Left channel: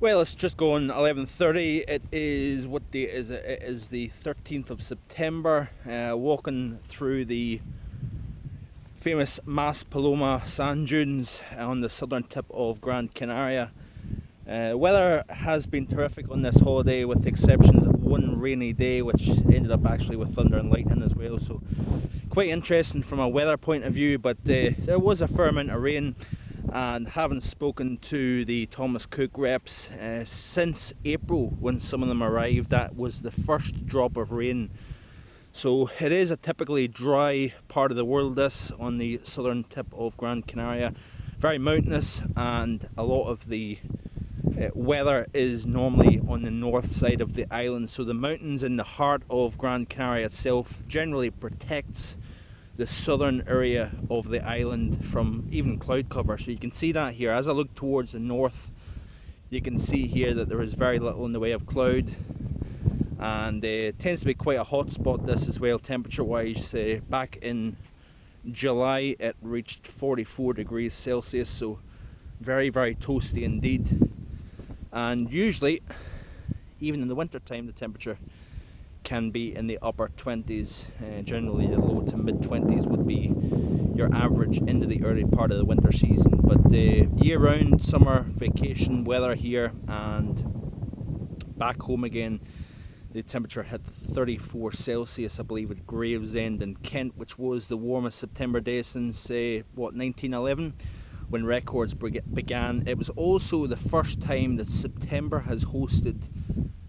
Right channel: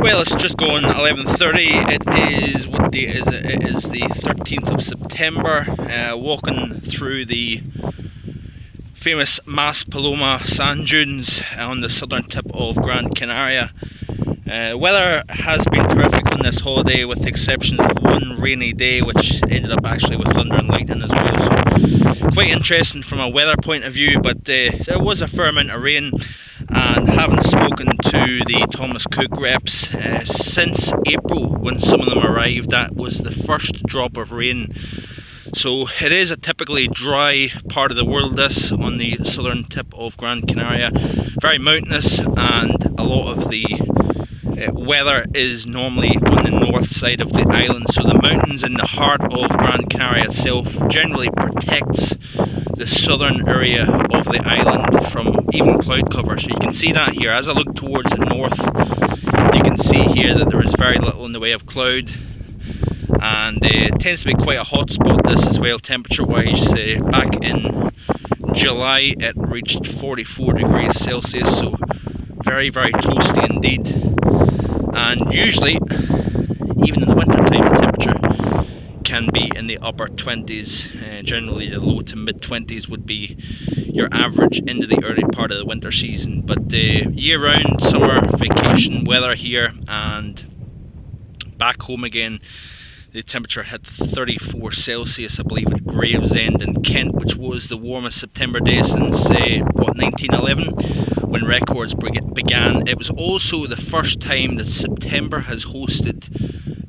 Well, it's just gone 11:30. It is, what day is it? It is the 13th of September. Walking through the famous Maspalomas sand dunes on the southern tip of Gran Canaria. Weather has been terrific on this holiday, with the exception of one rainy day, which ended up actually with thunder and lightning as well. So quite interesting from a weather point of view, but there was a fair amount of rain. And haven't spoken to the Thomas Cook reps since April, when some of them arrived. That was the first drop of rain. So it is a typically dry part of the world, this, on the southern tip of Gran Canaria. Very mountainous, and a lot of the weather is normally on the north side of the island. So the mountains in the heart of Gran Canaria itself generally protects the southern area of the island from even cloud cover. So you can see that here. As I look towards the north, you can see here that there is very little in the way of cloud, and it tends to be quite a hot spot, this as well, temperature wise. Back in July it reached 44 degrees Celsius, so very toasty indeed. And usually, even in the winter time, the temperature can be in the upper 20s. Generally the low to mid 20s would be your average into the early part of the winter season. But year-round summer vacation weather here, and back home again, the temperature hit 34 Celsius, I believe, at Gravesend in Kent, which was the warmest September day since, 1911, when records began. It was also the first time that September has hosted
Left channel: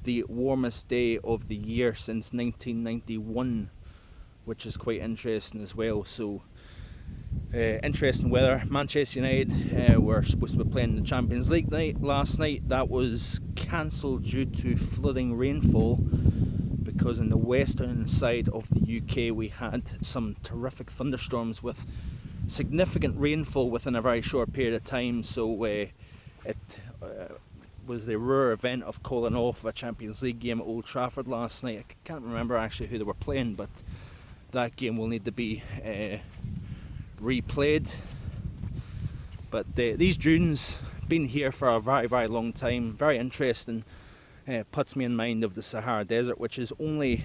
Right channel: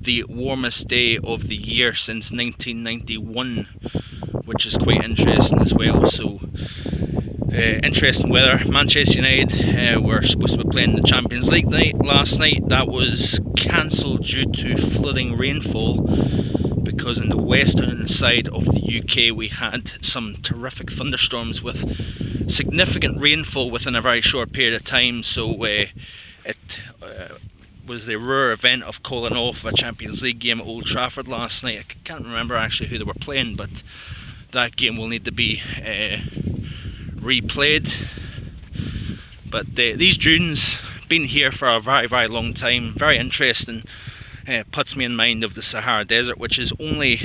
the warmest day of the year since 1991, which is quite interesting as well. So interesting weather. Manchester United were supposed to be playing the Champions League last night. That was cancelled due to flooding rainfall, because in the western side of the UK we had some terrific thunderstorms with significant rainfall within a very short period of time. So it was the rare event of calling off a Champions League game at Old Trafford last night. I can't remember actually who they were playing, but that game will need to be replayed. But these dunes, been here for a very long time, very interesting. Puts me in mind of the Sahara Desert, which is only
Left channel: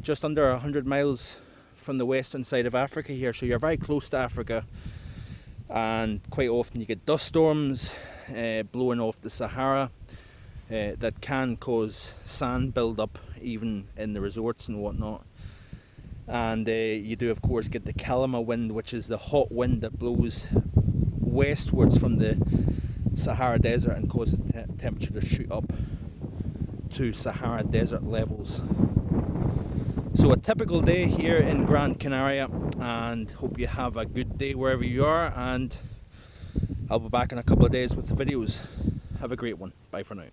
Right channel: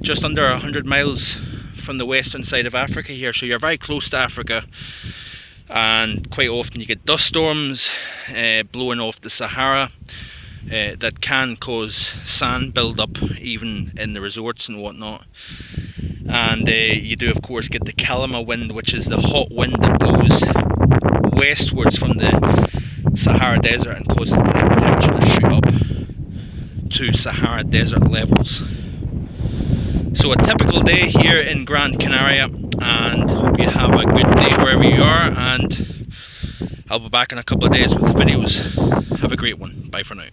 just under 100 miles from the western side of Africa here, so you're very close to Africa. And quite often you get dust storms blowing off the Sahara that can cause sand build-up even in the resorts and whatnot. And you do of course get the Kalima wind, which is the hot wind that blows westwards from the Sahara Desert and causes the temperature to shoot up to Sahara Desert levels. So a typical day here in Gran Canaria, and hope you have a good day wherever you are, and I'll be back in a couple of days with the videos. Have a great one. Bye for now.